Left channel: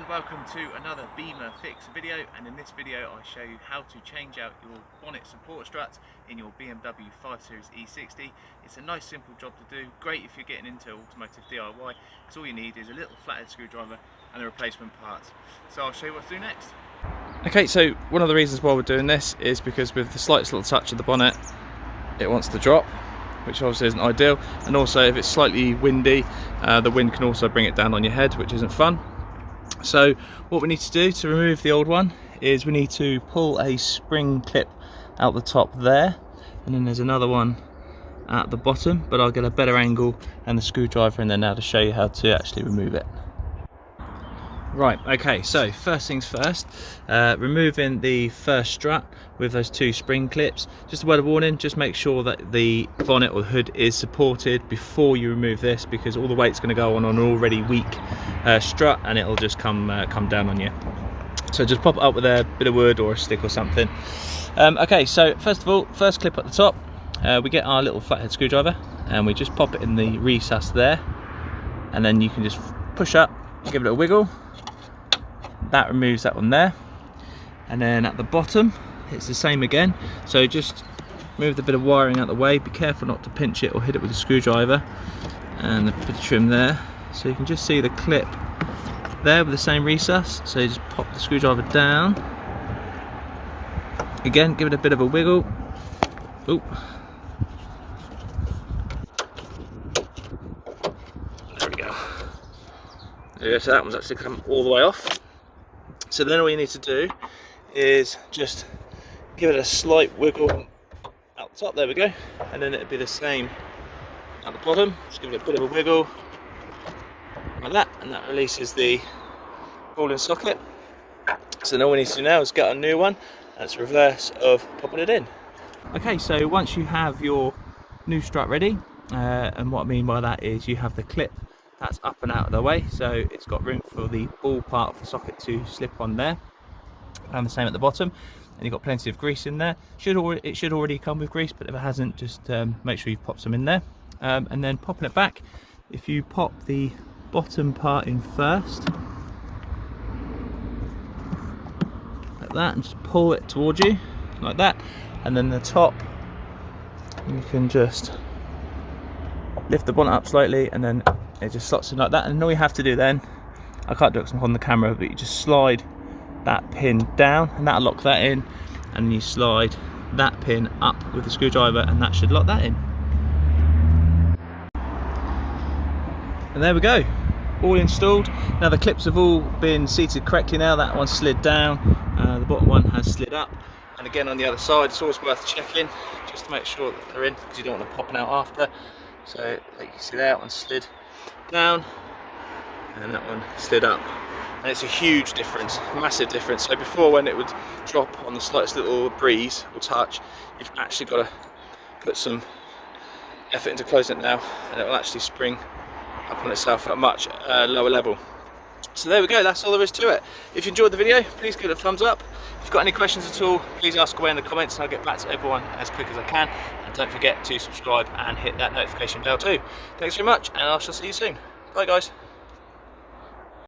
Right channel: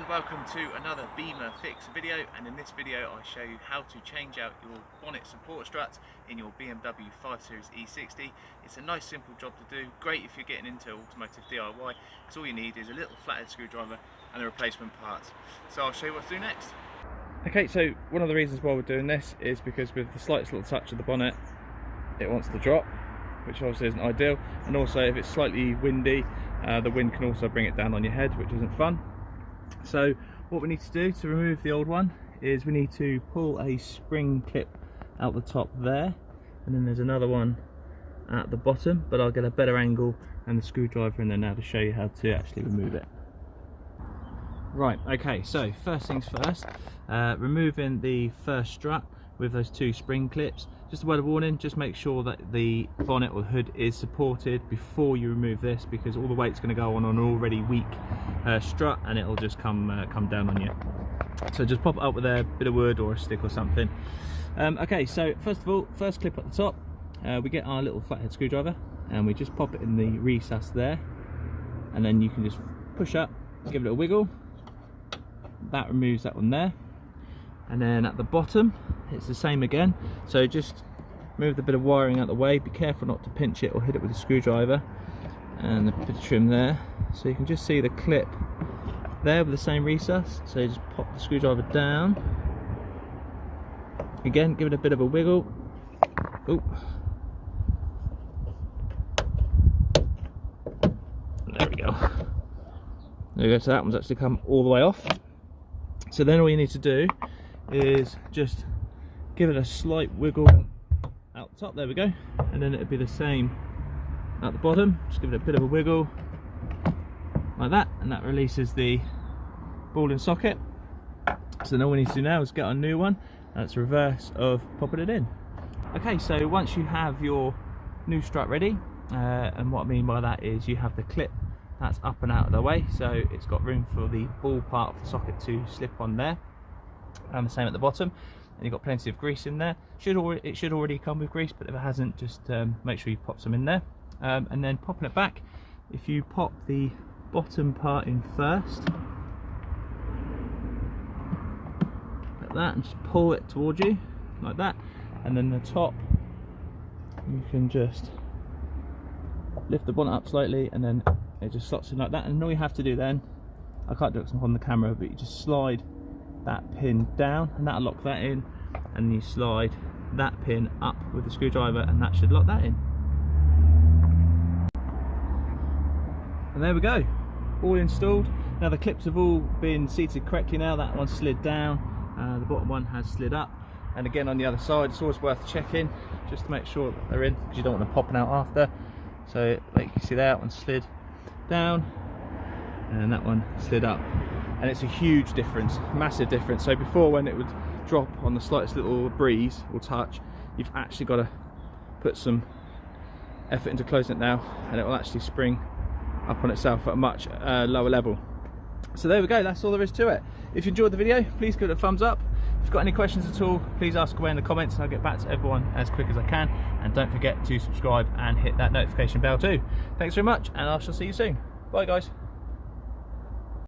and welcome to another Bimmer Fixer video, and in this video I show you how to change out your bonnet support struts in your BMW 5 Series E60. It's a nice simple job to do, great if you're getting into automotive DIY, because all you need is a little flathead screwdriver and the replacement parts. So I'll show you what to do next. Okay, so one of the reasons why we're doing this is because with the slightest little touch of the bonnet it wants to drop, which obviously isn't ideal, and also if it's slightly windy the wind can also bring it down on your head, which isn't fun. So what we need to do to remove the old one is we need to pull a spring clip out the top there, and then there's another one at the bottom, but I'll get a better angle and the screwdriver in there now to show you how to actually remove it. Right, okay, so first things first, removing the first strut with those two spring clips. Just a word of warning, just make sure that the bonnet or hood is supported before you remove this, because all the weight's going to go on an already weak strut and it'll just come down on you. So just pop it up with a bit of wood or a stick or something. Okay, so first of all, first clip at the top, we get our little flathead screwdriver and we just pop it in the recess there, and then you can just push up, give it a wiggle. That removes that one there, and then at the bottom it's the same again, so just move the bit of wiring out the way, be careful not to pinch it or hit it with a screwdriver, and a bit of trim there, so you can just see the clip there with the same recess. So you just pop the screwdriver down again, give it a bit of a wiggle. Ooh. There we go. There we go, so that one's actually come all the way off. So then all you need to do is just give it a slight wiggle out the top, there we go, and then it'll be the same at the bottom. Just give it a bit of a wiggle like that, and that releases the ball and socket. So then all we need to do now is get a new one, and it's reverse of popping it in. Okay, so once you have your new strut ready, and what I mean by that is you have the clip that's up and out of the way, so it's got room for the ball part of the socket to slip on there, and the same at the bottom, and you've got plenty of grease in there. It should already come with grease, but if it hasn't, just make sure you've popped some in there. And then popping it back, if you pop the bottom part in first like that, and just pull it towards you like that, and then the top you can just lift the bonnet up slightly, and then it just slots in like that. And all you have to do then, I can't do it because I'm on the camera, but you just slide that pin down and that'll lock that in, and you slide that pin up with the screwdriver and that should lock that in. And there we go, all installed. Now the clips have all been seated correctly now. That one slid down, the bottom one has slid up, and again on the other side it's always worth checking just to make sure that they're in, because you don't want them popping out after. So like you can see there, that one slid down and that one slid up, and it's a huge difference, massive difference. So before, when it would drop on the slightest little breeze or touch, you've actually got to put some effort into closing it now, and it will actually spring up on itself at a much lower level. So there we go, that's all there is to it. If you enjoyed the video, please give it a thumbs up. If you've got any questions at all, please ask away in the comments and I'll get back to everyone as quick as I can. And don't forget to subscribe and hit that notification bell too. Thanks very much, and I shall see you soon. Bye guys.